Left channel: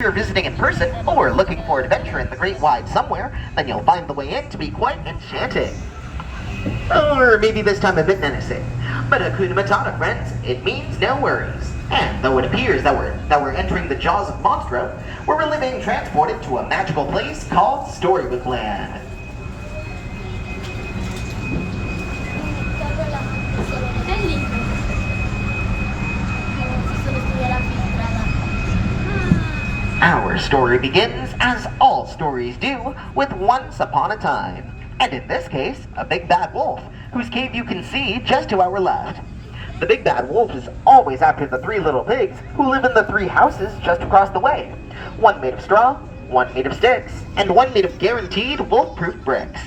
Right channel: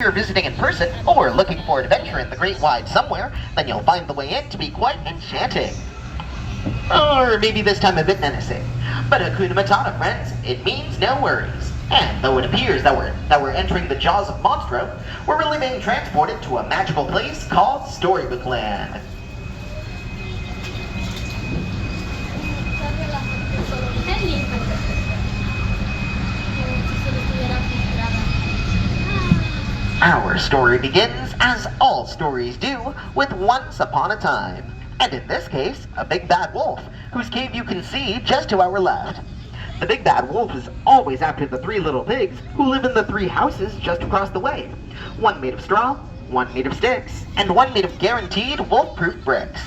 you're visiting in person or looking for adventure in the great wide somewhere, then you'll find the way in to be quite enchanting. Or maybe this time a bit menacing. But Hakuna Matata, friends, it means no worries. And though it appears that we're entering the jaws of Monstro, we're really being transported to a magical place called Storybook Land. Our story begins, as all stories do, with once upon a time. And in this case, a big bad wolf, whose cave you can see just to our left. The big bad wolf is always after the three little pigs who live in the three houses just across the way. One made of straw, one made of sticks, and one made of guaranteed wolf-proof bricks.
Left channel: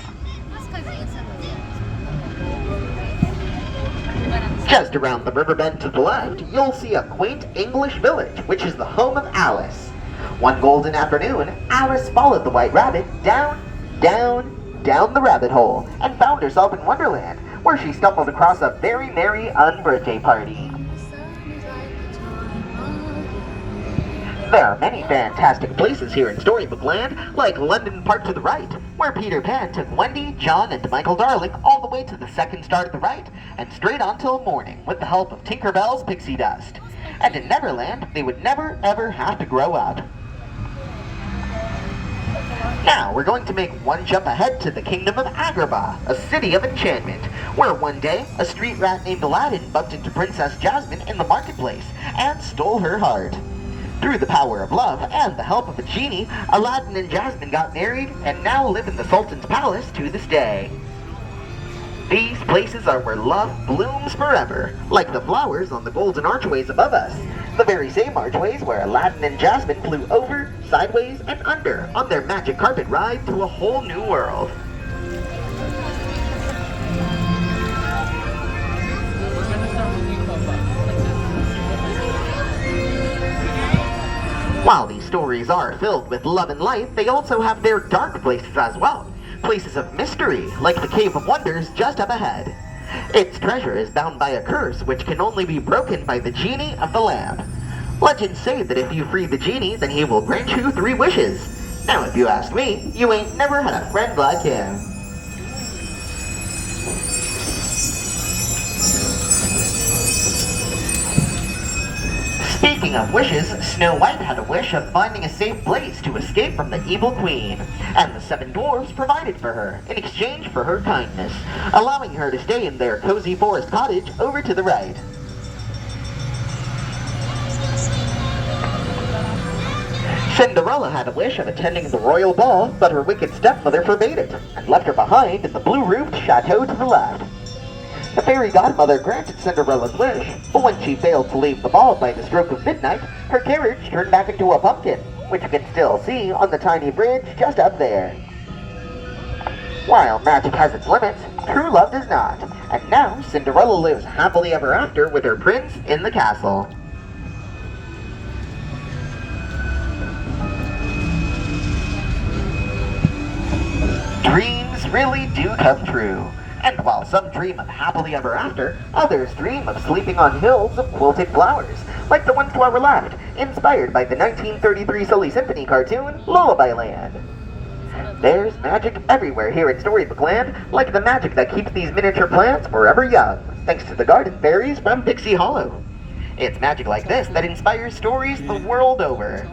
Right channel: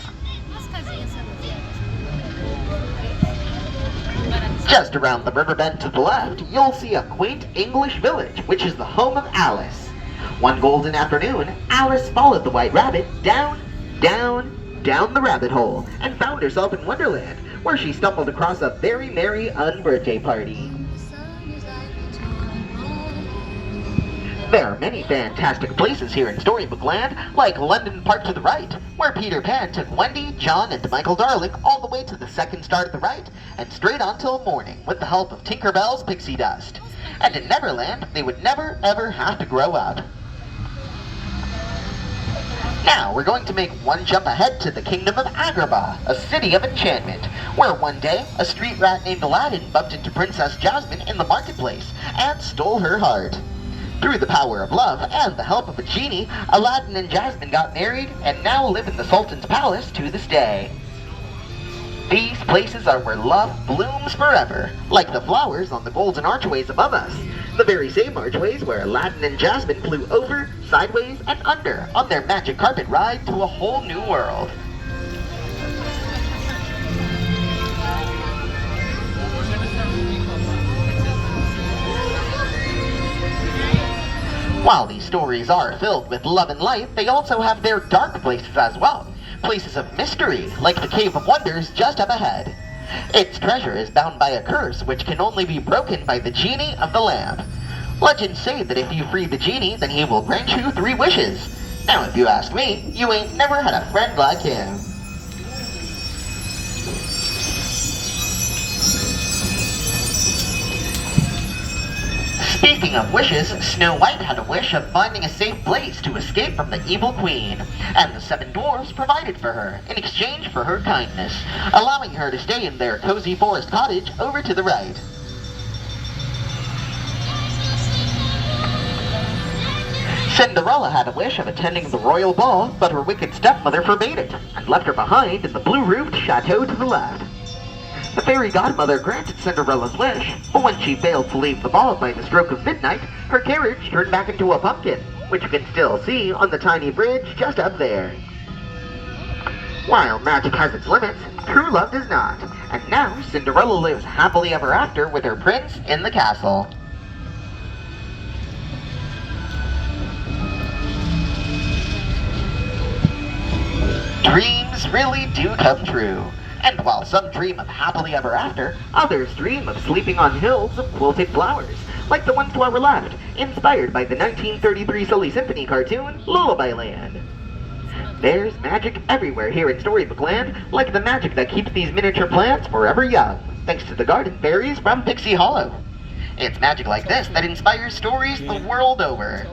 Just around the river bend to the left, you'll see a quaint English village, which is the home of Alice. One golden afternoon, Alice followed the White Rabbit down the rabbit hole, and found herself in Wonderland, where she stumbled across a very merry unbirthday party. There are many fantastic places here in Storybook Land, like London Park to the right, where Peter Pan took Wendy, John, and Michael Darling all the way to the second star to the right, and straight on till morning with the help of Tinker Bell's pixie dust. And in Neverland, they would never ever have to grow up. Now, we're going to make one jump ahead to the kingdom of Agrabah, a city of enchantment, where one day, a street rat named Aladdin bumped into Princess Jasmine in the marketplace and stole her heart. Through the power of love and the help of a genie, Aladdin and Jasmine got married and now live in the Sultan's palace to this day. These places are where love blooms forever, like the flowers on the golden archways above us. The very same archways where Aladdin and Jasmine flew over, sideways, and under on their magic carpet ride to a whole new world. While these stories are filled with love and light, they also have their dark places as well. Places of mystery, like the Cave of Wonders just up ahead. Its treasure is bound by a curse which can only be broken by the genie of the lamp. Legends say that if you free the genie, then he will grant you 3 wishes. Now if you ask me, you ain't never had a friend like him. Speaking of wishes, Snow White had a wish of finding a safe place to escape from the evil queen, and the 7 dwarfs provided for her in exchange for her kindness, allowing her to stay in their cozy forest cottage over to the right. Cinderella had a wish of attending the royal ball, but her wicked stepmother forbade it, and left her behind in the blue-roofed chateau to the left. The fairy godmother granted Cinderella's wish, but when she failed to leave the ball by the stroke of midnight, her carriage turned back into a pumpkin, which you can still see on the tiny bridge just up there. While magic has its limits, true love does not, and now Cinderella lives happily ever after with her prince in the castle. Dreams really do come true. And while some dream of happily ever after, others dream of sleeping on hills of quilted flowers, like the one to our left, inspired by the 1933 Silly Symphony cartoon, Lullaby Land. There's magic everywhere here in Storybook Land, like the magic that keeps these miniature plants forever young, thanks to the garden fairies from Pixie Hollow. It's magic like this that inspires stories the world over.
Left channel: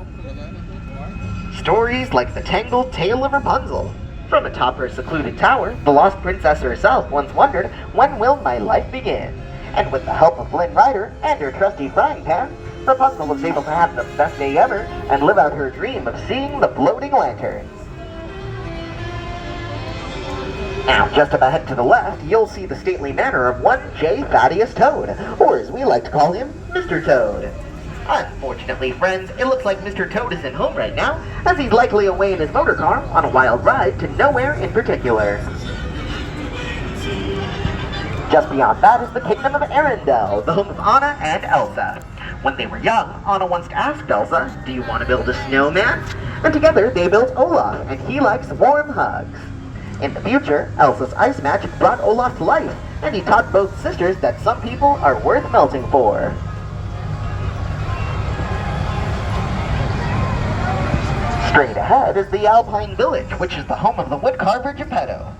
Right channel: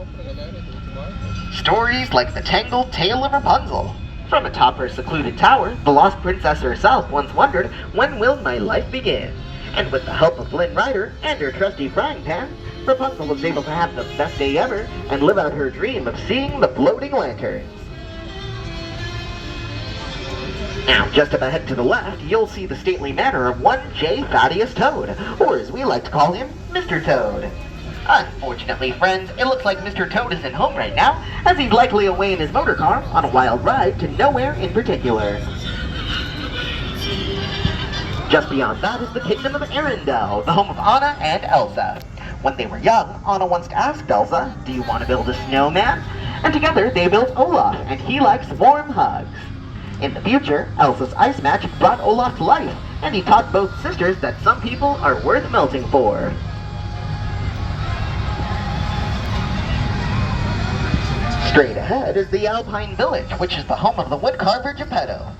Stories like the Tangled Tale of Rapunzel. From atop her secluded tower, the lost princess herself once wondered, when will my life begin? And with the help of Flynn Rider and her trusty frying pan, Rapunzel was able to have the best day ever and live out her dream of seeing the floating lanterns. Now, just up ahead to the left, you'll see the stately manor of one J. Thaddeus Toad, or as we like to call him, Mr. Toad. Unfortunately, friends, it looks like Mr. Toad isn't home right now, as he's likely away in his motor car on a wild ride to nowhere in particular. Just beyond that is the kingdom of Arendelle, the home of Anna and Elsa. When they were young, Anna once asked Elsa, "Do you want to build a snowman?" And together they built Olaf, and he likes warm hugs. In the future, Elsa's ice magic brought Olaf to life, and he taught both sisters that some people are worth melting for. Straight ahead is the Alpine Village, which is the home of the woodcarver Geppetto.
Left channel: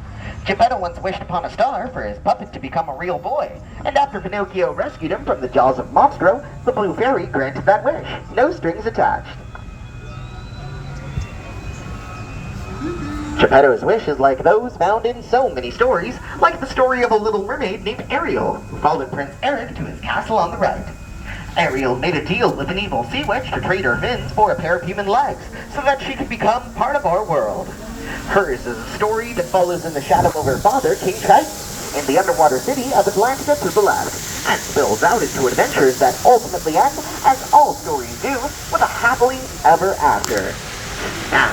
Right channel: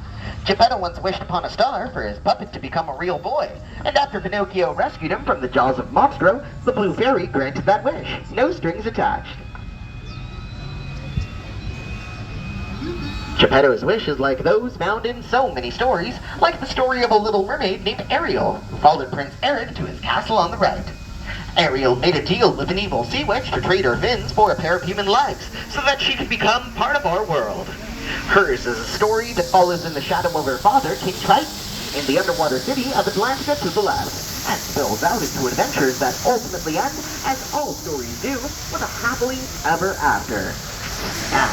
Geppetto once wished upon a star for his puppet to become a real boy, and after Pinocchio rescued him from the jaws of Monstro, the Blue Fairy granted that wish. No strings attached. Geppetto's wish is like those found in so many stories, like the story of a little mermaid named Ariel, who followed Prince Eric to his castle on the right. Ariel made a deal with an evil sea witch to trade her fins for a pair of human legs, so that she could become part of our world. Hers is a story that follows in the shadow of her father, King Triton, in the underwater city of Atlantica to the left, and spills out into adventures that ultimately end, as all stories do, with a happily ever after. Now,